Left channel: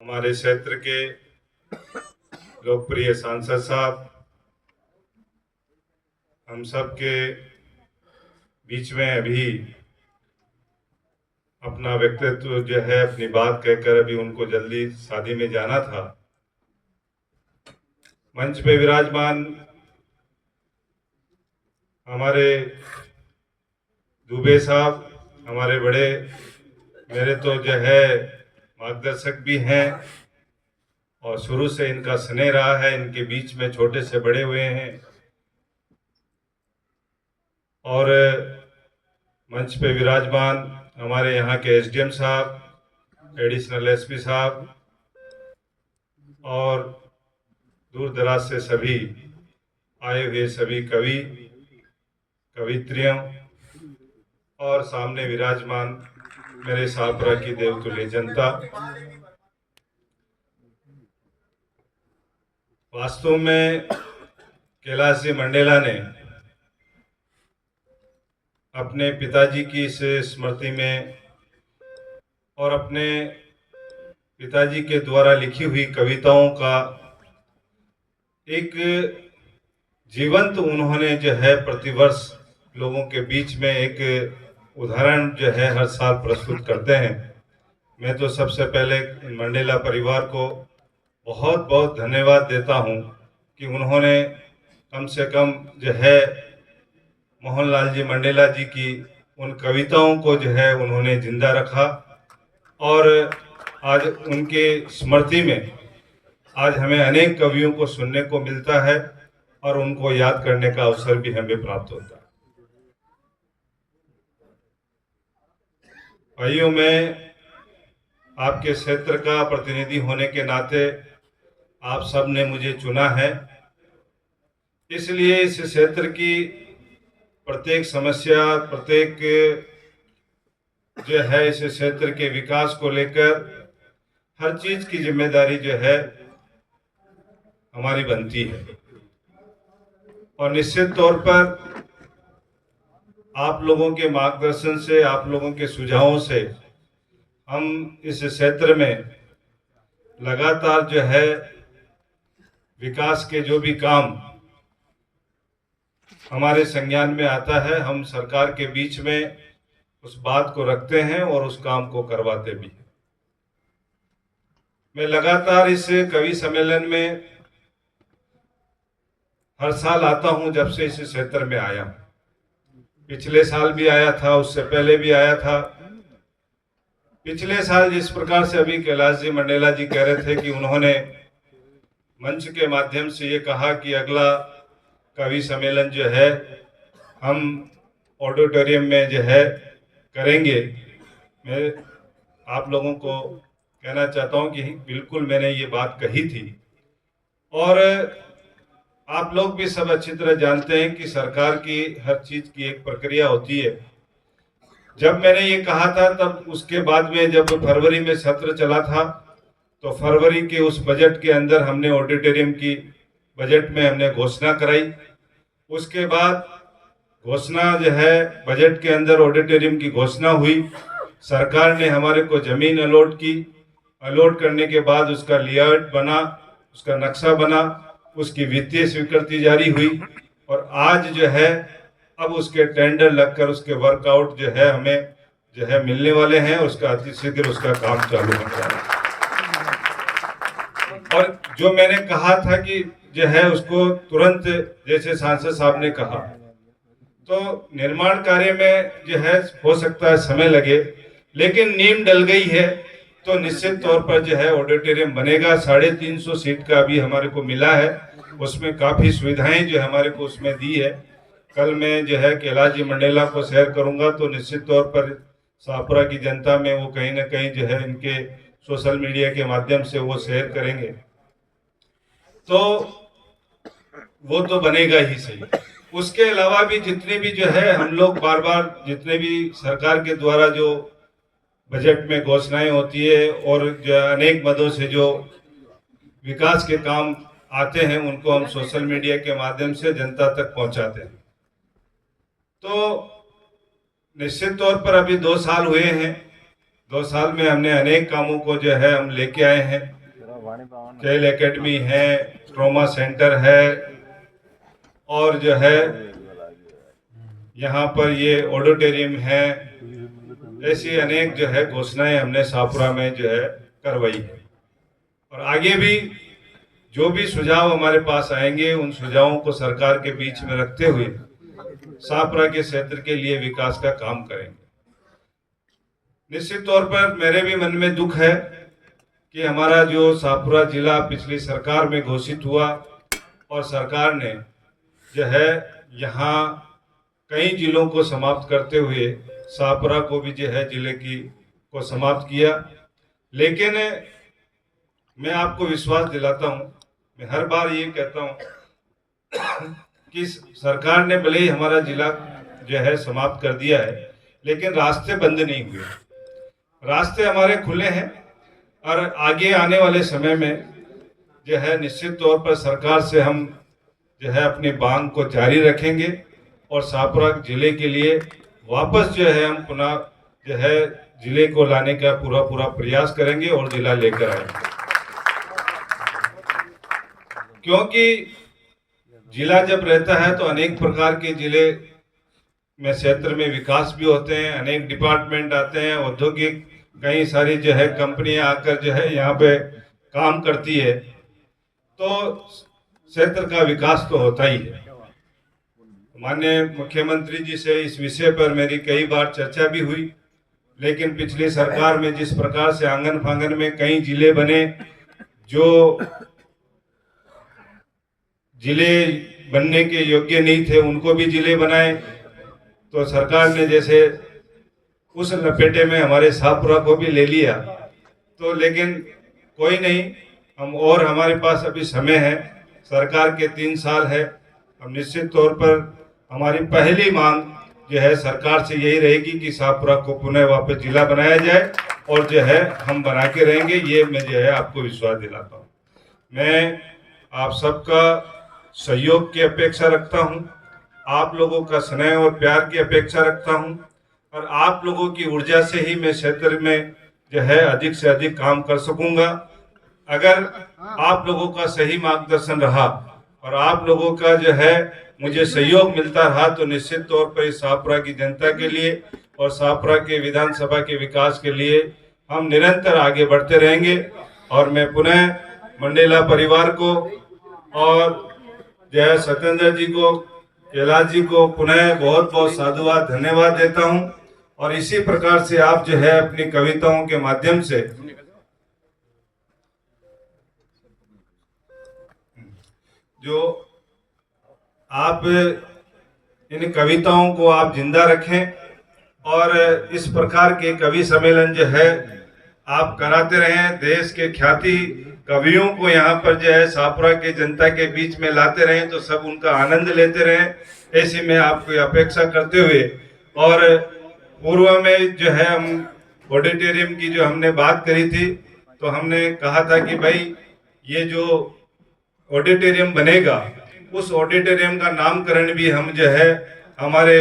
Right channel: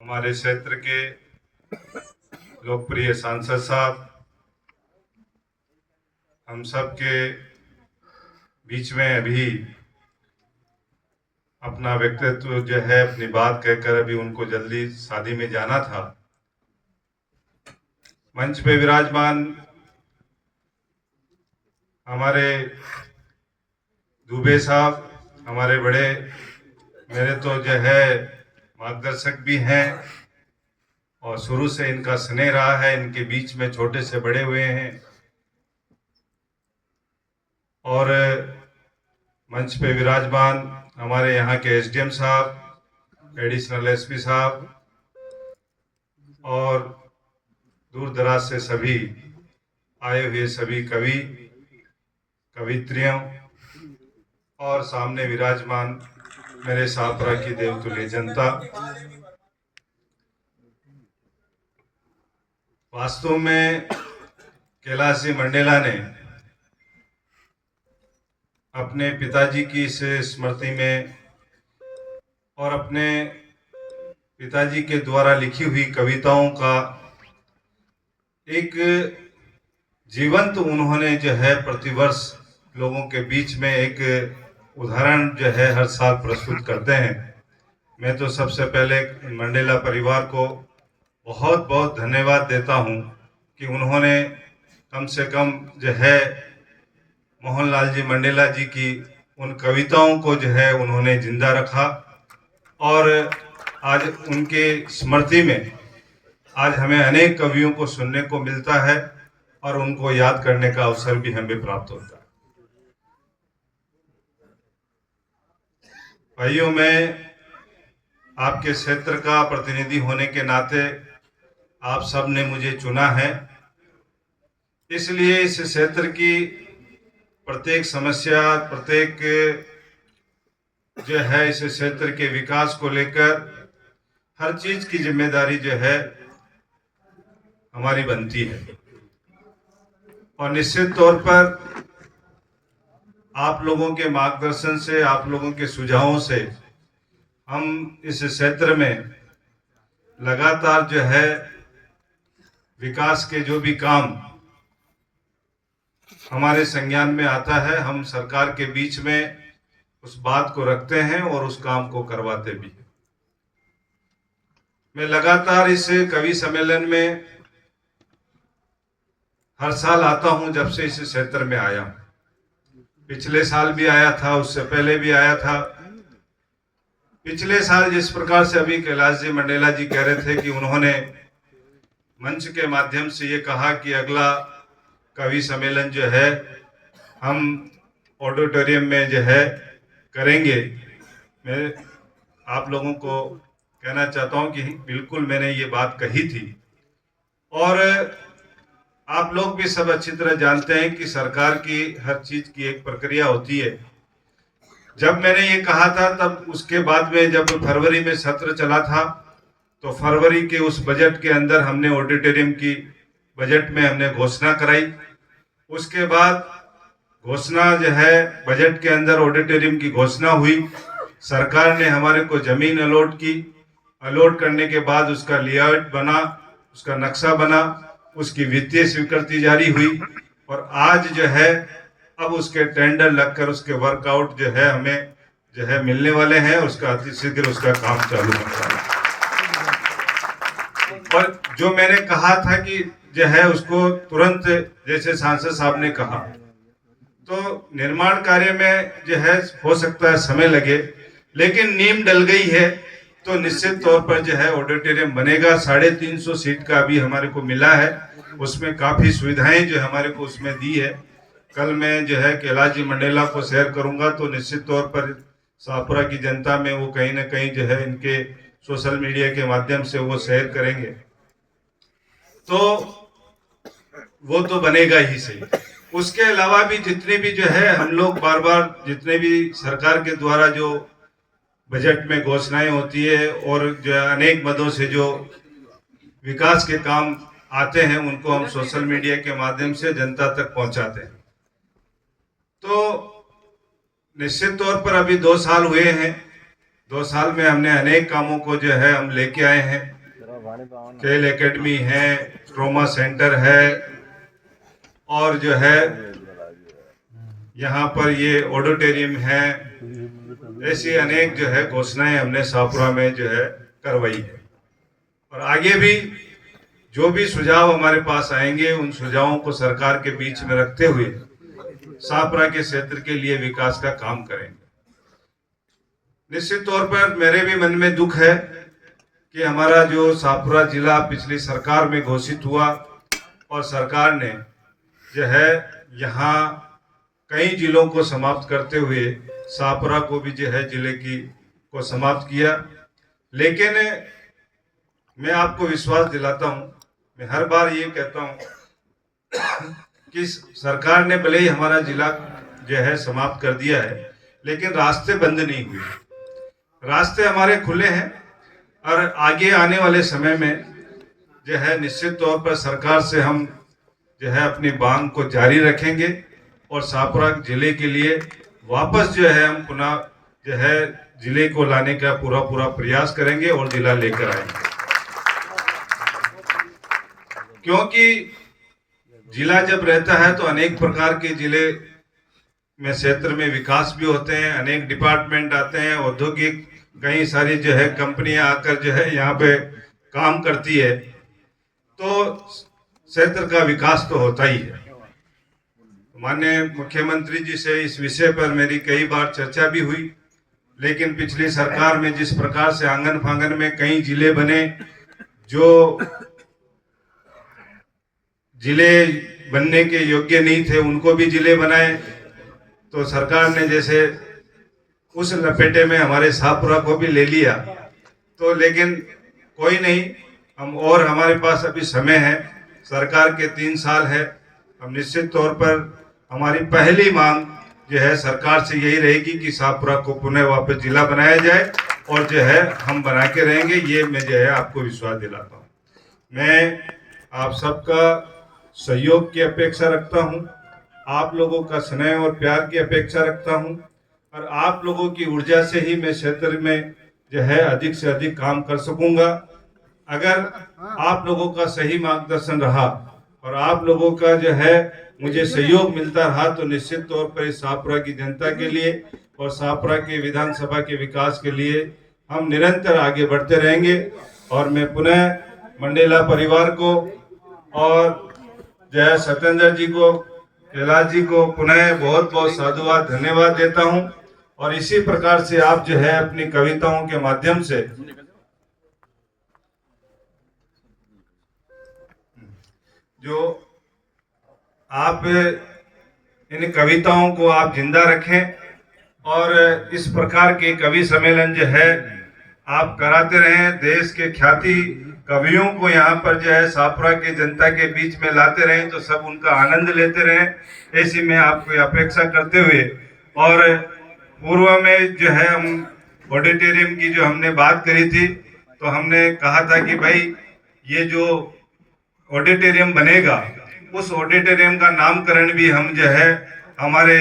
हमारे क्षेत्र के लोकप्रिय सांसद साहब हम सब के बीच में अभी अपना व्यक्तित्व जो है अपनी बात कहकर अभी उनको जल्दी शादी में जाना था। मंच पे विराजमान हमारे दुबे साहब हमारे बड़े मेरे तो जो है मार्गदर्शक भी हैं और शुरू से इनका स्नेह रहा है, इनके बीच में छोटे से बड़े हुए हैं। और मंच पे विराजमान हमारे यहाँ के एसडीएम साहब, एडिशनल एसपी साहब और दूर दराज से सभी आए हुए सभी कवि कवित्रियों और सामने विराजमान मेरे शाहपुरा की देवतुल्य जनता। वास्तव में कैलाश जी मंडेला ने अपने पिताजी की इस स्मृति में और अपने पिताजी के द्वारा लिखी हुई कविताओं का एक जीवंत उन्होंने जो है प्रतिवर्ष लोगों के बीच में एक उदाहरण जो है हर साल प्रस्तुत करते हैं। मैं तो सबसे पहले मंडेला परिवार को बहुत बहुत धन्यवाद देता हूं कि उन्होंने कम से कम जो है मोहनलाल जी मंडेला जी की उन कविताओं को जो है उन्होंने जिंदा रखा और आज उनके स्मृति में आज हमें अनेक कवियों को सुनने को मिलता है और उनको याद करने का अवसर भी हमें प्राप्त होता है। भाइयों, मैं आपके क्षेत्र का प्रतिनिधि होने के नाते आप सब ने मुझे चुना है, इसलिए इस क्षेत्र की प्रत्येक समस्या, प्रत्येक जो है इस क्षेत्र के विकास को लेकर हर चीज की जिम्मेदारी जो है हमारी बनती है और निश्चित तौर पर आप लोगों के मार्गदर्शन से, आप लोगों के सुझावों से हम इस क्षेत्र में लगातार जो है विकास के जो भी काम हमारे संज्ञान में आता है, हम सरकार के बीच में उस बात को रखते हैं और उस काम को करवाते भी हैं। मैं लगातार इस कवि सम्मेलन में हर साल आता हूं जब से इस क्षेत्र में आया हूं। पिछले साल भी आया था, उससे पहले भी आया था। पिछले साल जिस प्रकार से अभी कैलाश जी मंडेला जी कह रहे थे कि उन्होंने मंच के माध्यम से ये कहा कि अगला कवि सम्मेलन जो है हम ऑडिटोरियम में जो है करेंगे, मैं आप लोगों को कहना चाहता हूं कि बिल्कुल मैंने ये बात कही थी और आप लोग भी सब अच्छी तरह जानते हैं कि सरकार की हर चीज की एक प्रक्रिया होती है। जब मैंने ये कहा था तब उसके बाद में जब फरवरी में सत्र चला था तो फरवरी के उस बजट के अंदर हमने ऑडिटोरियम की बजट में हमने घोषणा कराई। उसके बाद घोषणा जो है बजट के अंदर ऑडिटोरियम की घोषणा हुई, सरकार ने हमारे को जमीन अलॉट की। अलॉट करने के बाद उसका लेआउट बना, उसका नक्शा बना, उसकी वित्तीय स्वीकृति जारी हुई और आज जो है अब उसके टेंडर लगकर उसके वर्कआउट जो है हमें जो है मिलने वाले हैं। उसका अतिशीघ्र उसका काम चालू होता है और जो मैंने कहा था कि जो है उसको तुरंत, जैसे सांसद साहब ने कहा, तो निर्माण कार्य में जो है हो सकता है समय लगे, लेकिन नींव डल गई है तो निश्चित तौर पर जो है ऑडिटोरियम बनेगा। 350 सीट का अभी हमारे को मिला है, उसमें काफी सुविधाएं जो हमारे को उसमें दी है। कल मैं जो है कैलाश जी मंडेला को शेयर करूंगा तो निश्चित तौर पर शाहपुरा की जनता में वो कहीं ना कहीं जो है इनके सोशल मीडिया के माध्यम से वो शेयर करेंगे, तो वो तो बनेगा ही सही। उसके अलावा भी जितने भी जो है हम लोग बार बार जितने भी सरकार के द्वारा जो बजट में घोषणाएं होती है और जो अनेक मदों से जो विकास के काम आते हैं उनको हम सोशल मीडिया के माध्यम से जनता तक पहुंचाते हैं। तो निश्चित तौर पर अभी 2 साल हुए हैं 2 साल में हमने अनेक कामों को जो है हम लेके आए हैं। खेल एकेडमी है, ट्रॉमा सेंटर है, और जो है यहाँ पर ये ऑडिटोरियम है। ऐसी अनेक जो है घोषणाएं हमने शाहपुरा में जो है करवाई है। और आगे भी जो भी सुझाव हमारे पास आएंगे उन सुझावों को सरकार के बीच में रखते हुए शाहपुरा के क्षेत्र के लिए विकास का काम करेंगे। निश्चित तौर पर मेरे भी मन में दुख है कि हमारा जो शाहपुरा जिला पिछली सरकार में घोषित हुआ और सरकार ने जो है यहाँ कई जिलों को समाप्त करते हुए शाहपुरा को भी जो है जिले को समाप्त किया। लेकिन मैं आपको विश्वास दिलाता हूँ, मैं हर बार ये कहता हूँ कि सरकार ने भले ही हमारा जिला जो है समाप्त कर दिया है, लेकिन रास्ते बंद नहीं हुए, रास्ते हमारे खुले हैं। और आगे आने वाले समय में जो है निश्चित तौर पर सरकार से हम जो है अपनी मांग को जारी रखेंगे और शाहपुरा जिले के लिए वापस जो है हम पुनः जो है जिले को लाने का पूरा प्रयास करेंगे और जिला लेकर आएंगे। क्योंकि जिला जब रहता है तो अनेक प्रकार के जिले में क्षेत्र में विकास भी होते हैं, अनेक डिपार्टमेंट आते हैं, औद्योगिक कई सारी जो है कंपनियां आकर जो है यहाँ पे काम करती है, तो क्षेत्र का विकास तो होता ही है। माननीय मुख्यमंत्री जी से इस विषय पर मेरी कई बार चर्चा भी हुई, लेकिन पिछली सरकार में जिस प्रकार से आंगन फांगन में कई जिले बने, जो जिले बनने के योग्य नहीं थे उनको भी जिले बनाए, तो सरकार ने जैसे उस लपेटे में हमारे शाहपुरा को भी ले लिया। तो लेकिन कोई नहीं, हम और हमारे पास अभी समय है, सरकार के 3 साल है। हम निश्चित तौर पर हमारी पहली मांग जो है सरकार से यही रहेगी कि शाहपुरा को पुनः वापस जिला बनाया जाए और जो है हम बना के रहेंगे, ये मैं जो है आपको विश्वास दिलाता हूँ। मैं आप सबका सहयोग की अपेक्षा रखता हूँ, आप लोगों का स्नेह और प्यार की अपेक्षा रखता हूँ, और आप लोगों की ऊर्जा से ही मैं क्षेत्र में जो है अधिक से अधिक काम कर सकूंगा। अगर आप लोगों का सही मार्गदर्शन रहा और आप लोगों का जो है मुझे सहयोग मिलता रहा, तो निश्चित तौर पर इस शाहपुरा की जनता के लिए और शाहपुरा के विधानसभा के विकास के लिए हम निरंतर आगे बढ़ते रहेंगे। और मैं पुनः मंडेला परिवार को और जो है सत्येंद्र जी को, कैलाश जी को पुनः बहुत बहुत साधुवाद धन्यवाद देता हूं। और इसी प्रकार से आप जो है अपनी कविताओं के माध्यम से जो आप इन कविताओं को आप जिंदा रखें और इस प्रकार के कवि सम्मेलन जो है आप कराते रहें। देश के ख्याति कवियों को यहाँ पर जो है शाहपुरा के जनता के बीच में लाते रहें, तो सब उनका आनंद लेते रहें, ऐसी मैं आपको अपेक्षा करते हुए। और पूर्व में जो है हम ऑडिटोरियम की जो हमने बात करी थी, तो हमने कहा था कि भाई ये जो ऑडिटोरियम बनेगा उस ऑडिटोरियम का नामकरण भी हम जो है हमारे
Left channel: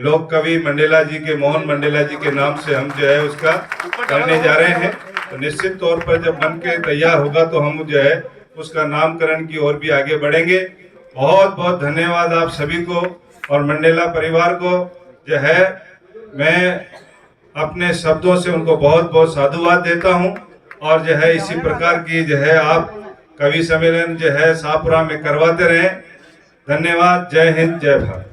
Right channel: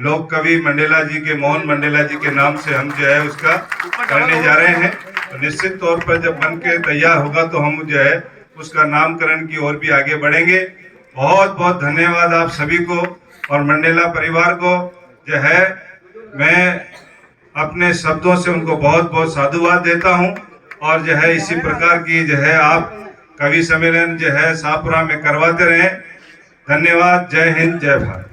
लोक कवि मंडेला जी के, मोहन मंडेला जी के नाम से हम जो है उसका करने जा रहे हैं। तो निश्चित तौर पर जब बन के तैयार होगा तो हम जो है उसका नामकरण की ओर भी आगे बढ़ेंगे। बहुत बहुत धन्यवाद आप सभी को और मंडेला परिवार को जो है मैं अपने शब्दों से उनको बहुत बहुत साधुवाद देता हूं। और जो है इसी प्रकार की जो है आप कवि सम्मेलन जो है शाहपुरा में करवाते रहें। धन्यवाद। जय हिंद, जय भारत।